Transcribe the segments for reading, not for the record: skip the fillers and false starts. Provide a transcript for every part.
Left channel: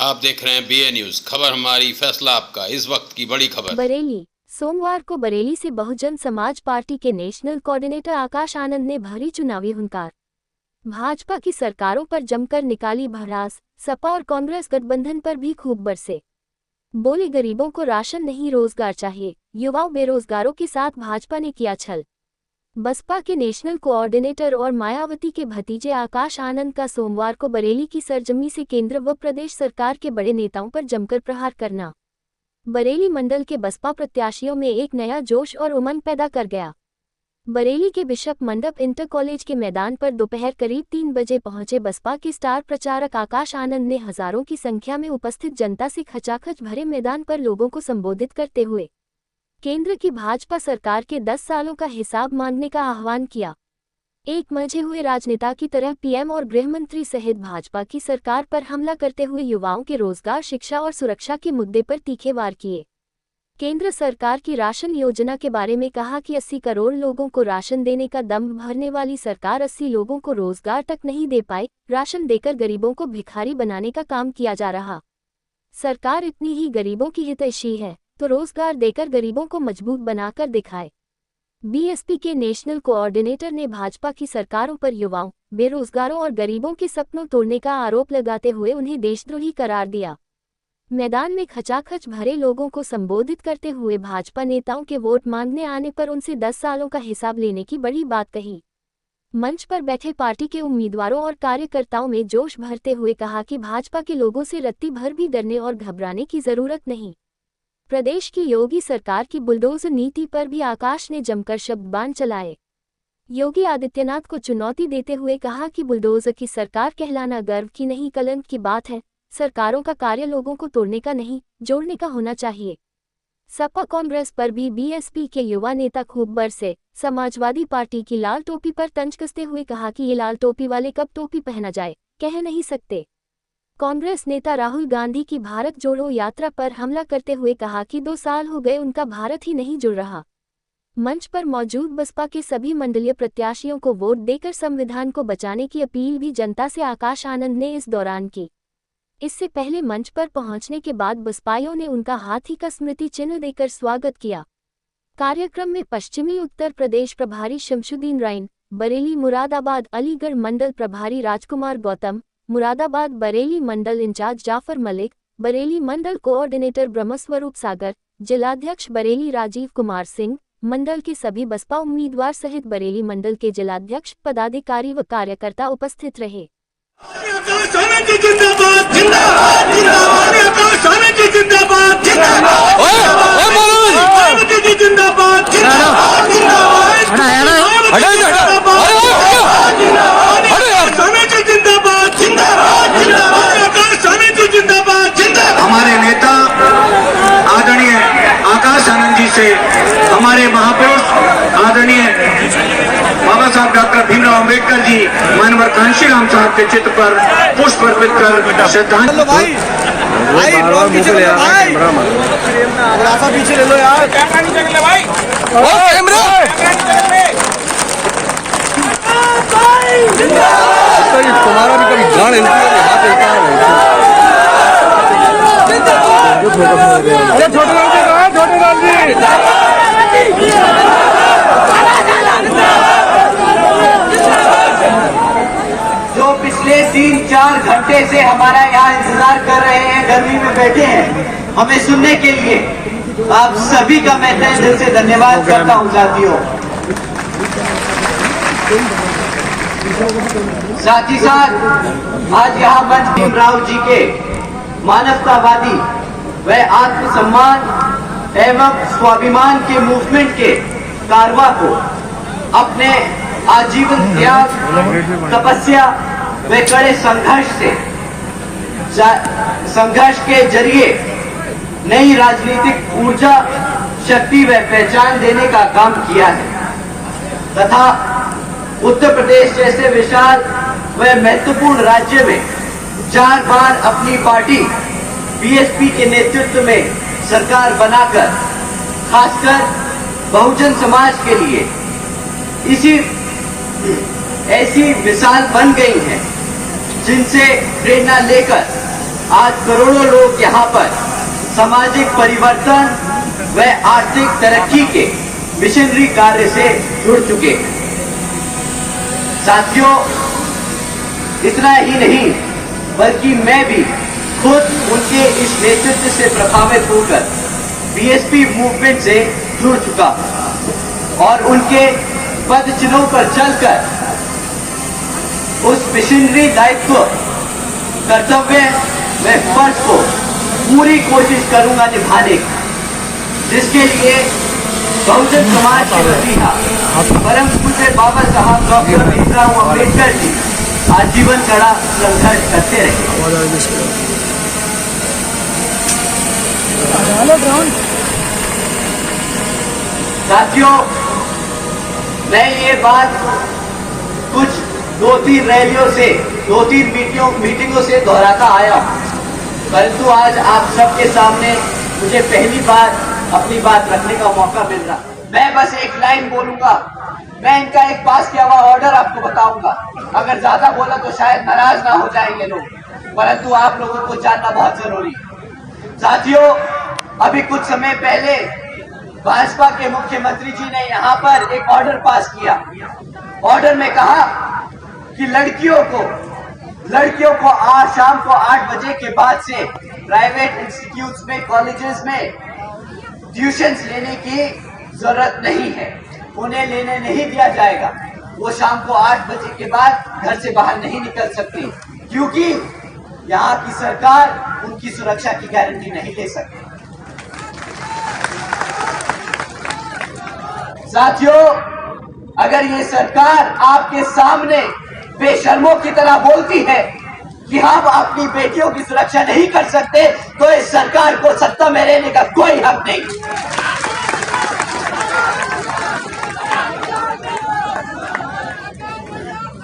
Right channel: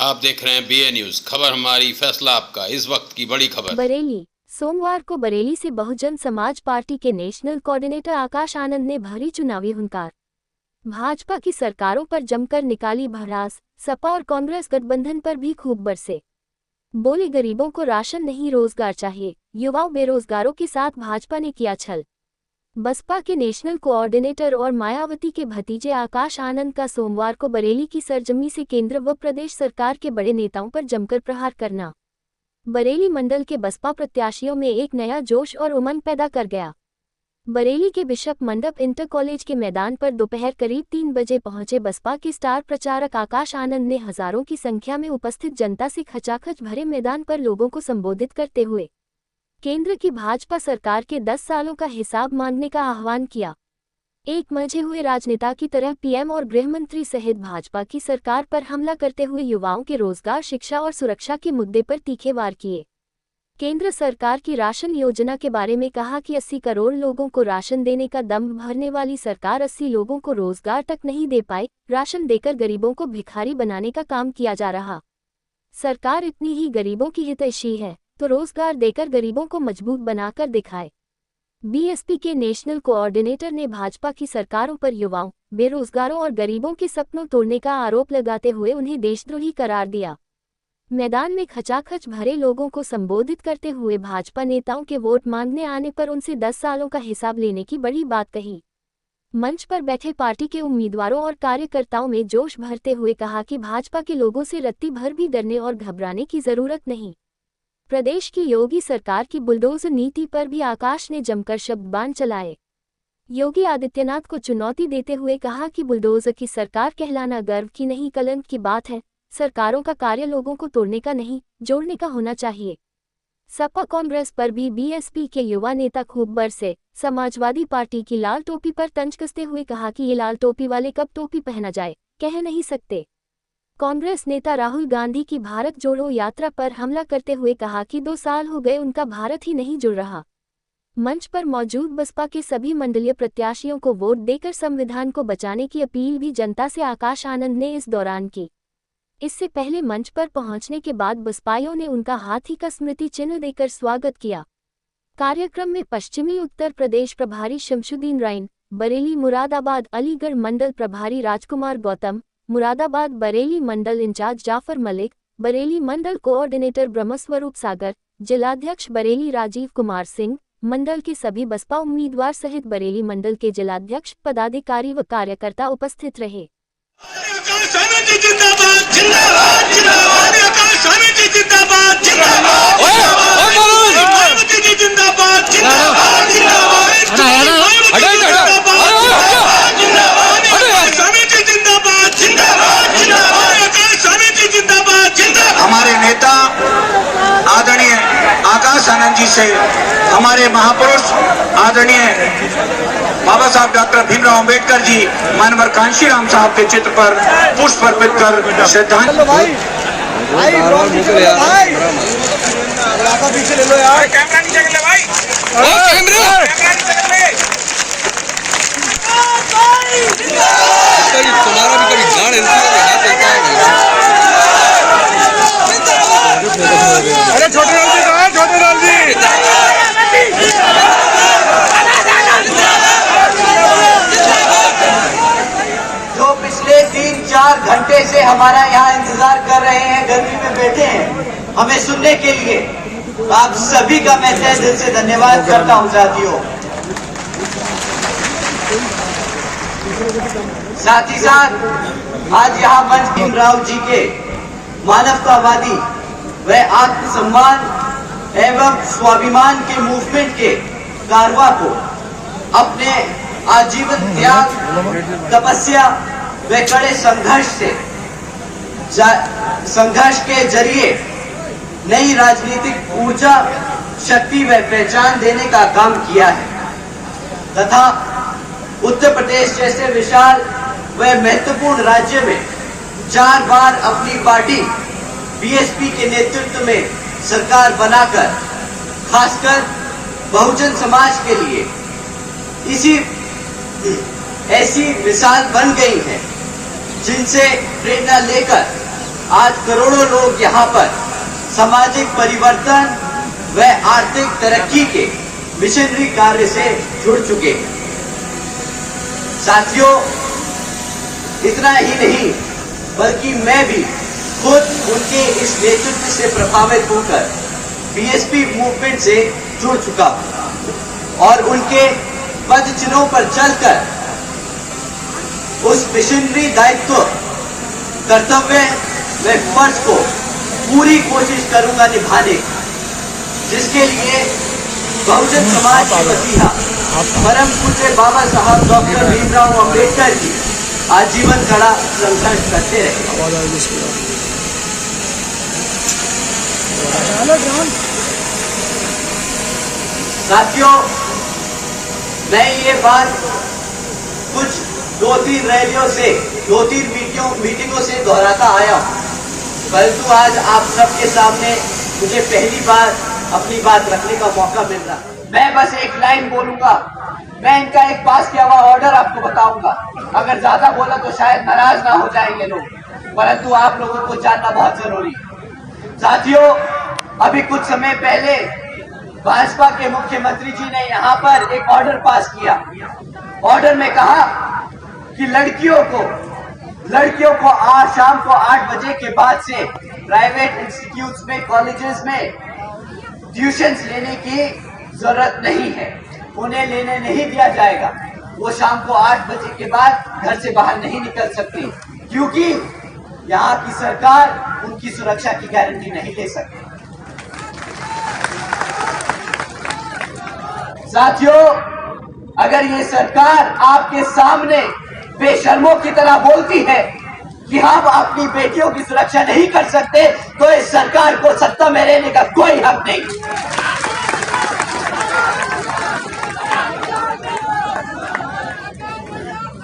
आप देख रहे हैं BA न्यूज, खबर हमारी फैसला आपका। इस वक्त की बड़ी खबर। बरेली। सोमवार को बरेली से बहुजन समाज पार्टी के नेशनल कोऑर्डिनेटर आकाश आनंद ने भरी चुनावी हुंकार। भाजपा की सरकारों पर जमकर निकाली भड़ास, सपा और कांग्रेस गठबंधन पर भी खूब बरसे। बोले गरीबों को राशन नहीं रोजगार चाहिए, युवाओं बेरोजगारों के साथ भाजपा ने किया छल। बसपा के नेशनल कोऑर्डिनेटर और मायावती के भतीजे आकाश आनंद का सोमवार को बरेली की सरजमी से केंद्र व प्रदेश सरकार के बड़े नेताओं पर जमकर प्रहार करना बरेली मंडल के बसपा प्रत्याशियों में एक नया जोश और उमंग पैदा कर गया। बरेली के बिशप मंडप इंटर कॉलेज के मैदान पर दोपहर करीब 3 बजे पहुंचे बसपा के स्टार प्रचारक आकाश आनंद ने हजारों की संख्या में उपस्थित जनता से खचाखच भरे मैदान पर लोगों को संबोधित करते हुए केंद्र की भाजपा सरकार के 10 सालों का हिसाब मांगने का आह्वान किया। एक मंझे हुए राजनेता की तरह पीएम और गृहमंत्री सहित भाजपा की सरकार पर हमला करते हुए युवाओं के रोजगार, शिक्षा और सुरक्षा के मुद्दे पर तीखे वार किए। केंद्र सरकार की राशन योजना के बारे में कहा कि 80 करोड़ लोगों को राशन देने का दम भरने वाली सरकार 80 लोगों को रोजगार तक नहीं दे पाई। राशन देकर गरीबों को भिखारी बनाने का काम किया जा रहा। सरकार इतनी ही गरीबों की हितैषी है तो रोजगार देकर गरीबों को मजबूत बनाकर दिखाए। बीएसपी के नेशनल कोऑर्डिनेटर ने भाजपा की सरकारों पर युवाओं, बेरोजगारों और गरीबों के सपनों तोड़ने का आरोप लगाते हुए उन्हें देशद्रोही करार दिया। मैदान में खचाखच भरे लोगों को संबोधित करते हुए भाजपा नेताओं के वोट मांगने आने पर उनसे 10 सालों का हिसाब लेने की बड़ी बात कही। मंच पर बैठे पार्टी के उम्मीदवारों और कार्यकर्ताओं में जोश भरते हुए कहा कि भाजपा के लोगों से रत्ती भर भी डरने और घबराने की जरूरत नहीं। प्रदेश की योगी सरकार की बुलडोजर नीति पर भी आकाश ने जमकर शब्दबाण चलाए। योगी आदित्यनाथ को चुनौती देते हुए कहा कि बुलडोजर की सरकार कहलाना गर्व की नहीं कलंक की बात है। सरकारों का कार्य लोगों को तोड़ने का नहीं, जोड़ने का होना चाहिए। सपा कांग्रेस पर भी बीएसपी के युवा नेता खूब बरसे। समाजवादी पार्टी की लाल टोपी पर तंज कसते हुए कहा कि ये लाल टोपी वाले कब टोपी पहना जाए, कह नहीं सकते। कांग्रेस नेता राहुल गांधी की भारत जोड़ो यात्रा पर हमला करते हुए कहा कि 2 साल हो गए उनका भारत ही नहीं जुड़ रहा। मंच पर मौजूद बसपा के सभी मंडलीय प्रत्याशियों को वोट देकर संविधान को बचाने की अपील भी जनता से आकाश आनंद ने इस दौरान की। इससे पहले मंच पर पहुंचने के बाद बसपाइयों ने उनका हाथी का स्मृति चिन्ह देकर स्वागत किया। कार्यक्रम में पश्चिमी उत्तर प्रदेश प्रभारी शमशुद्दीन राइन, बरेली मुरादाबाद अलीगढ़ मंडल प्रभारी राजकुमार गौतम, मुरादाबाद बरेली मंडल इंचार्ज जाफर मलिक, बरेली मंडल कोऑर्डिनेटर ब्रह्मस्वरूप सागर, जिलाध्यक्ष बरेली राजीव कुमार सिंह, मंडल के सभी बसपा उम्मीदवार सहित बरेली मंडल के जिलाध्यक्ष, पदाधिकारी व कार्यकर्ता उपस्थित रहे। हमारे नेता आदरणीय आकाश आनंद जी से हमारे महापुरुष आदरणीय बाबा साहब डॉक्टर भीमराव अंबेडकर जी मानवर कांशीराम साहब के चित्र पर पुष्प अर्पित कर श्रद्धांजलि। पीछे ले लो यार, कैमरा नीचे ले लो भाई। तुम्हारा भी कभी गाड़ अरे छोटे लाल जी कहाँ है? छोटे लाल जी जो पिछले 3-4 घंटे से हमारा यहाँ इंतजार कर रहे हैं, गर्मी में बैठे हैं हमें सुनने के लिए, आप सभी का मैं तहे दिल से धन्यवाद करता हूँ साथियों। साथ ही साथ आज यहाँ मंच भीमराव जी के मानवतावादी व आत्मसम्मान एवं स्वाभिमान के मूवमेंट के कारवा को अपने आजीवन त्याग, तपस्या व कड़े संघर्ष के जरिए नई राजनीतिक ऊर्जा, शक्ति व पहचान देने का काम किया है तथा उत्तर प्रदेश जैसे विशाल व महत्वपूर्ण राज्य में 4 बार अपनी पार्टी बीएसपी के नेतृत्व में सरकार बनाकर खासकर बहुजन समाज के लिए ऐसी मिसाल बन गई है जिनसे प्रेरणा लेकर आज करोड़ों लोग यहाँ पर सामाजिक परिवर्तन व आर्थिक तरक्की के मिशनरी कार्य से जुड़ चुके हैं। साथियों, इतना ही नहीं बल्कि मैं भी खुद उनके इस नेतृत्व से प्रभावित होकर बीएसपी मूवमेंट से जुड़ चुका हूं और उनके पद चिन्हों पर चलकर उस मिशनरी दायित्व, कर्तव्य व फर्ज को पूरी कोशिश करूंगा निभाने की, जिसके लिए बहुजन समाज के वतीना परम पूज्य बाबा साहब डॉक्टर भीमराव अम्बेडकर जी आजीवन खड़ा संघर्ष करते रहे। साथियों, मैं ये बात कुछ 2-3 रैलियों से 2-3 मीटिंगों से दोहराता आया, परंतु आज आप सबके सामने मुझे पहली बार अपनी बात रखने का मौका मिल रहा। मैं बस एक लाइन बोलूंगा, मैं इनका एक पास किया हुआ ऑर्डर आपको बताऊंगा। अगर ज्यादा बोला तो शायद नाराज ना हो जाएंगे लोग, परंतु आप लोगों को जानना बहुत जरूरी है। साथियों, अभी कुछ समय पहले भाजपा के मुख्यमंत्री जी ने यहाँ पर एक ऑर्डर पास किया। ऑर्डर में कहा कि लड़कियों को आज शाम को 8 बजे के बाद से प्राइवेट इंस्टीट्यूट्स में, कॉलेजेस में ट्यूशंस लेने की जरूरत नहीं है, उन्हें लेने नहीं दिया जाएगा। वो शाम को 8 बजे के बाद घर से बाहर नहीं निकल सकती, क्योंकि यहाँ की सरकार उनकी सुरक्षा की गारंटी नहीं ले सकती। साथियों, अगर ये सरकार आपके सामने बेशर्मों की तरह बोलती है कि हम अपनी बेटियों की सुरक्षा नहीं कर सकते, तो इस सरकार को सत्ता में रहने का कोई हक नहीं।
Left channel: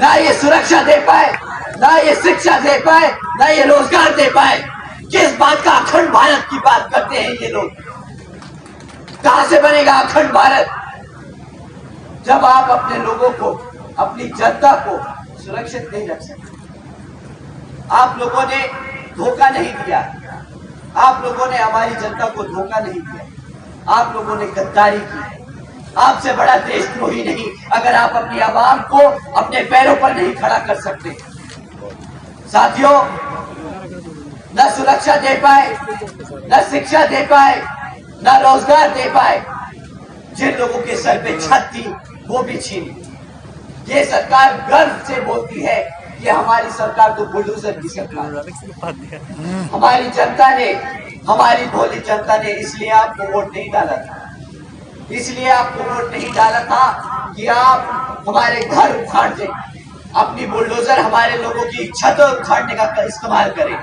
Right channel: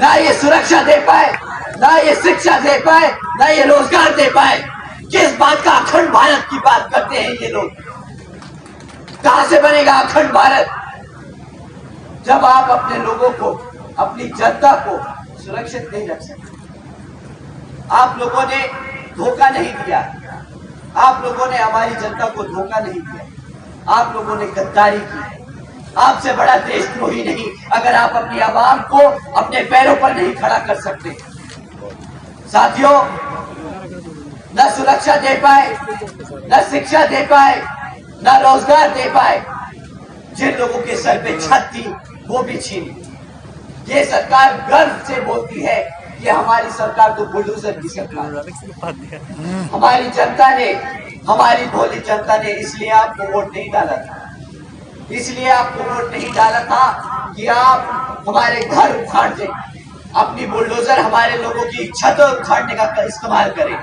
ना ये सुरक्षा दे पाए, ना ये शिक्षा दे पाए, ना ये रोजगार दे पाए। किस बात का अखंड भारत की बात करते हैं ये लोग? कहां से बनेगा अखंड भारत जब आप अपने लोगों को, अपनी जनता को सुरक्षित नहीं रख सकते? आप लोगों ने धोखा नहीं दिया, आप लोगों ने हमारी जनता को धोखा नहीं दिया, आप लोगों ने गद्दारी की। आपसे बड़ा देशद्रोही नहीं अगर आप अपनी आवाम को अपने पैरों पर नहीं खड़ा कर सकते। साथियों, न सुरक्षा दे पाए, न शिक्षा दे पाए, न रोजगार दे पाए, जिन लोगों के सर पे छत थी वो भी छीनी। ये सरकार गर्व से बोलती है कि हमारी सरकार तो बुलडोजर की सरकार है। हमारी जनता ने, हमारी भोली जनता ने इसलिए आपको वोट नहीं डाला था, इसलिए आपको वोट नहीं डाला था कि आप हमारे घर उखाड़ दें, अपनी बुलडोजर हमारे लोगों की छत उखाड़ने का इस्तेमाल करें।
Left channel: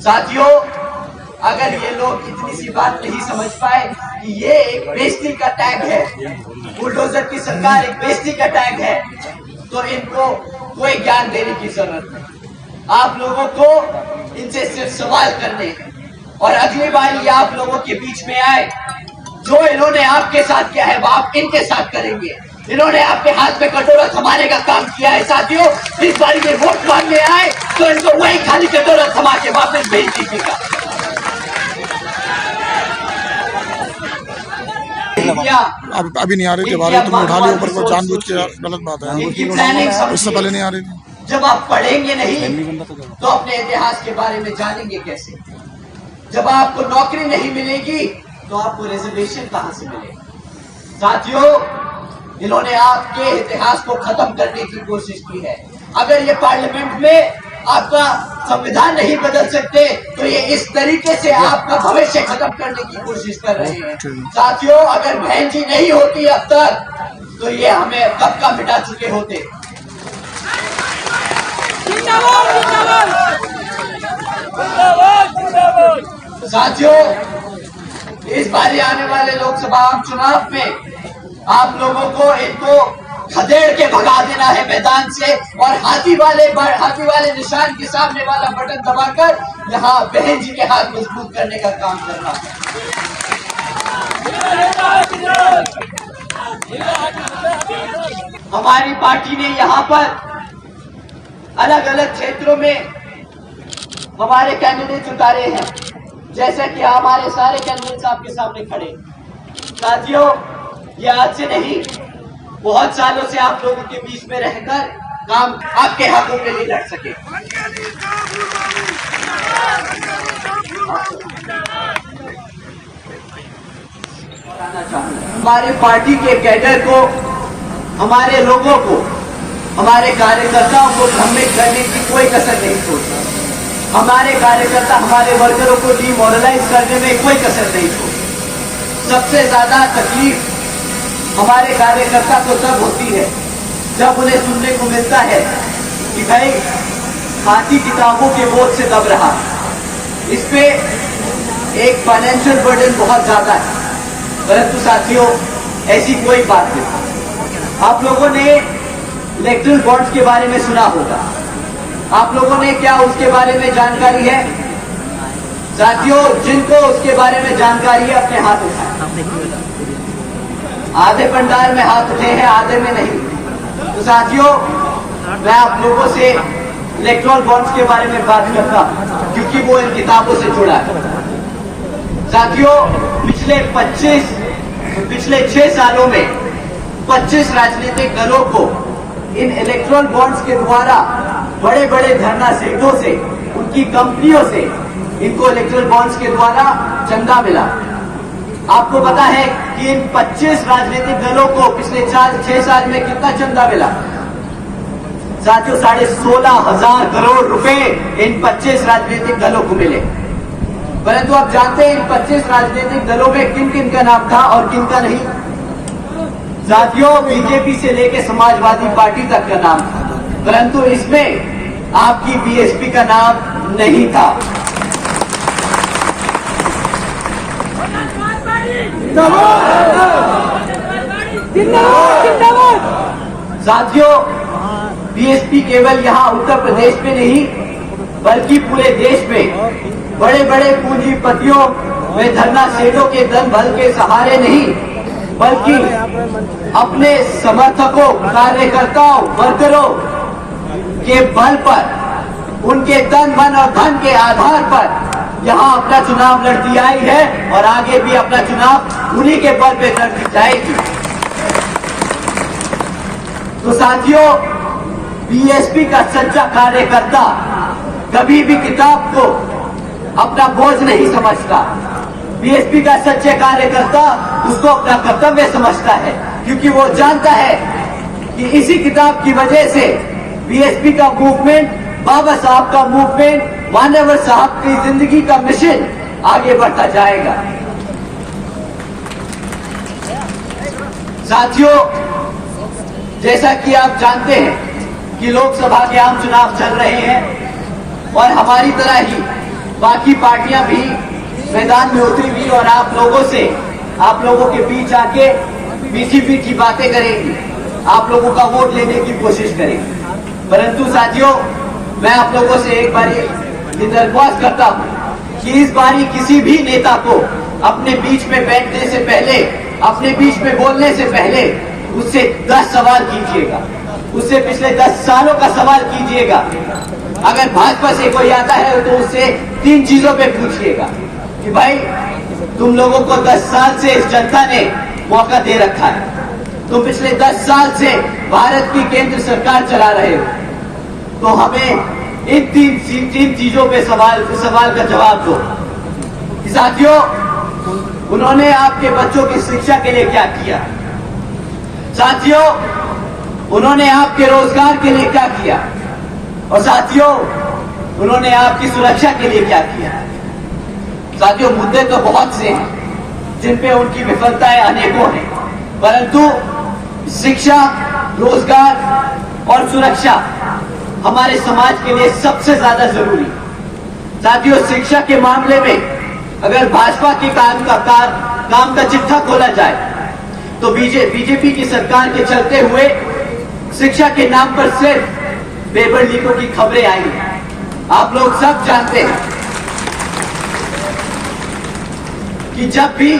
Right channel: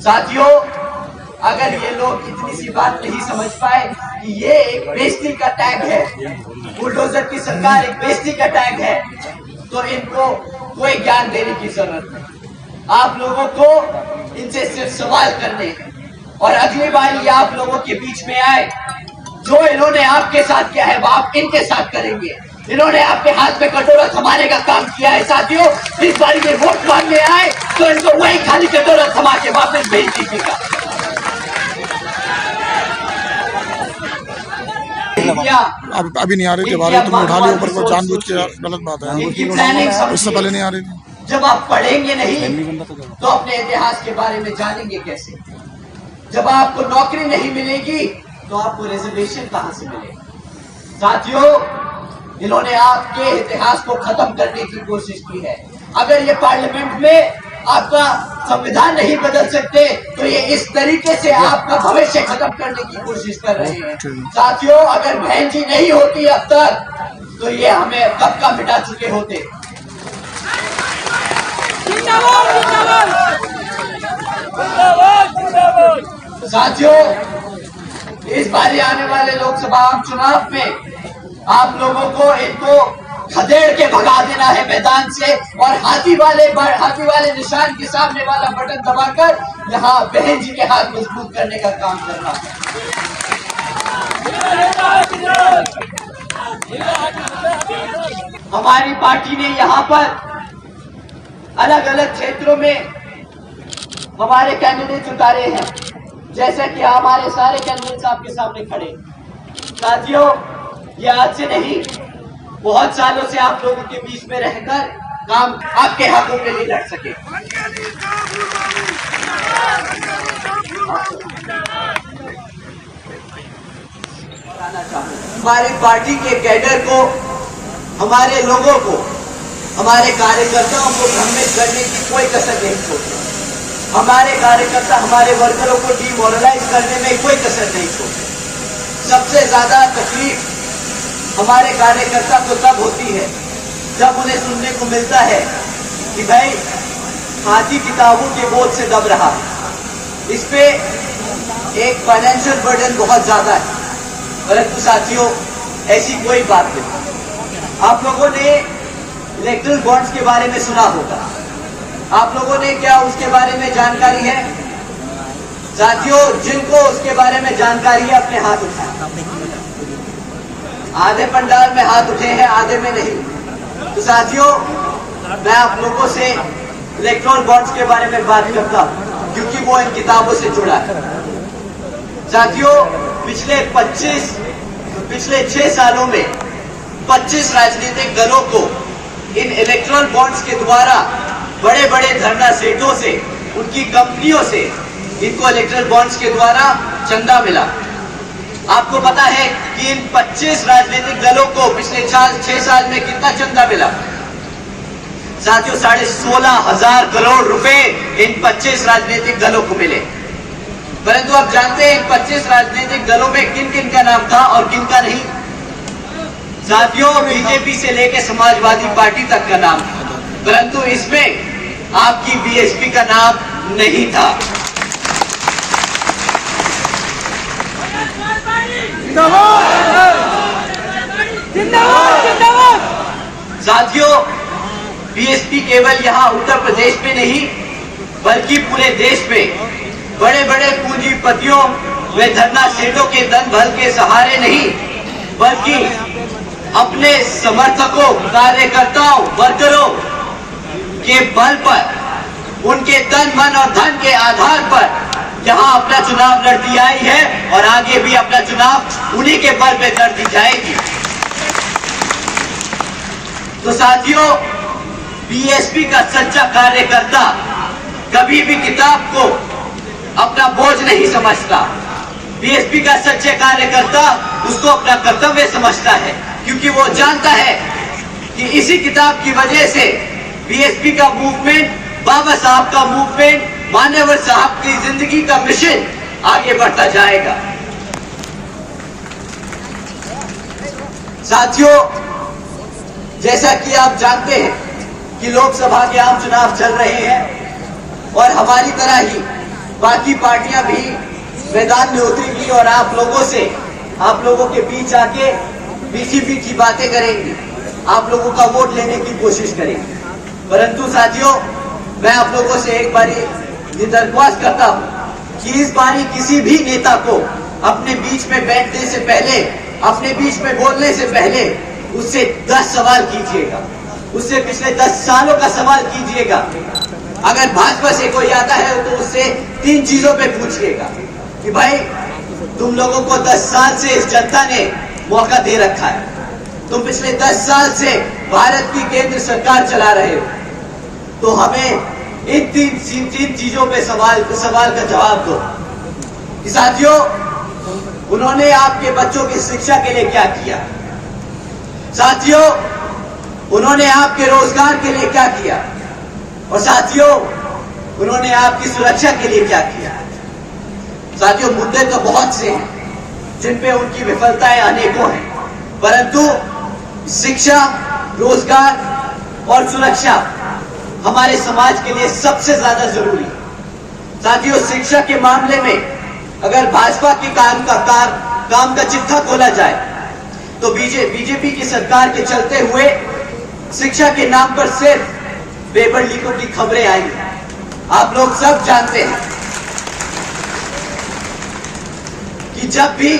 साथियों, अगर ये लोग इतनी सी बात नहीं समझ पाए कि ये एक बेइज्जती का टैग है, बुलडोजर की सरकार एक बेइज्जती का टैग है, तो इनको कोई ज्ञान देने की जरूरत नहीं। आप लोगों को इनसे सिर्फ सवाल करने हैं और अगली बार ये आप लोगों के बीच में आए, जो इन्होंने आपके साथ किया है वो आप इनके साथ करेंगे। इन्होंने आपके हाथ में कटोरा थमाने का काम किया है। साथियों, इस बार ये वोट मांगने आए तो इनको वही खाली कटोरा थमा के वापस भेज दीजिएगा। अभी नहीं आ रही थी, बारे तुमने उठा लिया ऊपर को, जानबूझ के गलत बात है, इससे पहले नहीं आ रही थी। जब आप पढ़ेंगे नहीं तो अपने इतिहास के बारे में जानेंगे कैसे? जब आपको नौकरी नहीं मिलेगी तो आपको रिजर्वेशन कहां से मिलेगा? साथियों, इन्होंने आपके इतिहास को खत्म करने की कोशिश की है। अगर ये पार्लियामेंट में आपका संविधान नहीं बदल सकते तो ये इस तरीके से आपका भविष्य खत्म करने की कोशिश कर रहे हैं। साथियों, अगर बहन जी नहीं होती अब तक तो ये हमें कब का मिटा चुके होते। साथियों, इस बार आने वाले लोकसभा चुनाव में आप लोगों को इनको खदेड़ के भगा देना है मैदान से और हाथी वाले निशान के सामने वाला बटन दबाकर यहाँ बहन जी के हाथ मजबूत करने का काम करना है। हमारी पार्टी ने यहाँ पर अलग अलग क्षेत्रों में हमारे कैंडिडेट उतारे हैं, जैसे कि हमारे सारे कैंडिडेट्स आपके सामने खड़े। साथियों, ये आज से नहीं, बहुत सालों से आप लोगों के बीच में रहकर काम आपके हकों के लिए लड़ सके। हमारे पार्टी के कैडर को, हमारे लोगों को, हमारे कार्यकर्ताओं को भ्रमित करने की कोई कसर नहीं छोड़ता। हमारे कार्यकर्ता हमारे वर्करों को डिमोरलाइज करने में कोई कसर नहीं छोड़ता। सबसे ज्यादा तकलीफ हमारे कार्यकर्ता को तब होती है जब उन्हें सुनने को मिलता है कि भाई हाथी किताबों के बोझ से दब रहा है। इस पे एक फाइनेंशियल बर्डन बहुत ज्यादा है, परंतु साथियों ऐसी कोई बात नहीं। आप लोगों ने इलेक्ट्रल बॉन्ड्स के बारे में सुना होगा, आप लोगों ने क्या उसके बारे में जानकारी है? साथियों, जिनको उसके बारे में जानकारी है अपने हाथ उठाएं। आधे पंडाल में हाथ उठे हैं, आधे में नहीं। तो साथियों, मैं आप लोगों से इलेक्ट्रल बॉन्ड्स के बारे में बात करता हूं क्योंकि वो इन किताबों से जुड़ा है। साथियों, पिछले 6 सालों में 25 राजनीतिक दलों को इन इलेक्ट्रल बॉन्ड्स के द्वारा बड़े बड़े धरना सेठों से, उनकी कंपनियों से इनको इलेक्ट्रल बॉन्ड्स के द्वारा चंदा मिला। आपको पता है कि इन 25 राजनीतिक दलों को पिछले 6 साल में कितना चंदा मिला? साथियों, 16,500 करोड़ रुपए इन 25 राजनीतिक दलों को मिले। परंतु आप जानते हैं इन 25 राजनीतिक दलों में किन किन का नाम था और किन का नहीं? साथियों, बीजेपी से लेकर समाजवादी पार्टी तक का नाम था, परंतु इसमें आपकी बीएसपी का नाम नहीं था। साथियों, बीएसपी केवल यहाँ उत्तर प्रदेश में नहीं बल्कि पूरे देश में बड़े बड़े पूंजीपतियों व धरना सेठों के धन बल के सहारे नहीं बल्कि अपने समर्थकों, कार्यकर्ताओं, वर्करों के बल पर, उनके तन मन और धन के आधार पर यहाँ अपना चुनाव लड़ती आई है और आगे भी अपना चुनाव उन्हीं के बल पे लड़ती जाएगी। तो साथियों, बीएसपी का सच्चा कार्यकर्ता कभी भी किताब को अपना बोझ नहीं समझता। बीएसपी का सच्चे कार्यकर्ता उसको अपना कर्तव्य समझता है, क्योंकि वो जानता है कि इसी किताब की वजह से बीएसपी का मूवमेंट, बाबा साहब का मूवमेंट, मान्यवर साहब की जिंदगी का मिशन आगे बढ़ता जाएगा। साथियों, जैसा कि आप जानते हैं कि लोकसभा के आम चुनाव चल रहे हैं और हमारी तरह ही बाकी पार्टियां भी मैदान में उतरी हुई और आप लोगों के बीच आके मीठी बातें करेंगी, आप लोगों का वोट लेने की कोशिश करेंगी। परंतु साथियों, मैं आप लोगों से एक बारी ये दरख्वास्त करता हूं कि इस बारी किसी भी नेता को अपने बीच में बैठने से पहले, अपने बीच में बोलने से पहले उससे 10 सवाल कीजिएगा, उससे पिछले 10 सालों का सवाल कीजिएगा। अगर भाजपा से कोई आता है तो उससे 3 चीजों पे पूछिएगा कि भाई तुम लोगों को 10 साल से इस जनता ने मौका दे रखा है, तुम पिछले 10 साल से भारत की केंद्र सरकार चला रहे हो, तो हमें इन 3 चीजों पे सवाल का जवाब दो। कि साथियों, उन्होंने आपके बच्चों की शिक्षा के लिए क्या किया? साथियों, उन्होंने आपके रोजगार के लिए क्या किया? और साथियों, उन्होंने आपकी सुरक्षा के लिए क्या किया? साथियों, मुद्दे तो बहुत से हैं जिन पे उनकी विफलताएं अनेकों हैं, परंतु शिक्षा, रोजगार और सुरक्षा हमारे समाज के लिए सबसे ज्यादा जरूरी। साथियों, शिक्षा के मामले में अगर भाजपा के काम का चिट्ठा खोला जाए तो बीजेपी की सरकार के चलते हुए शिक्षा के नाम पर सिर्फ पेपर लीकों की खबरें आई हैं। आप लोग सब जानते हैं कि जब भी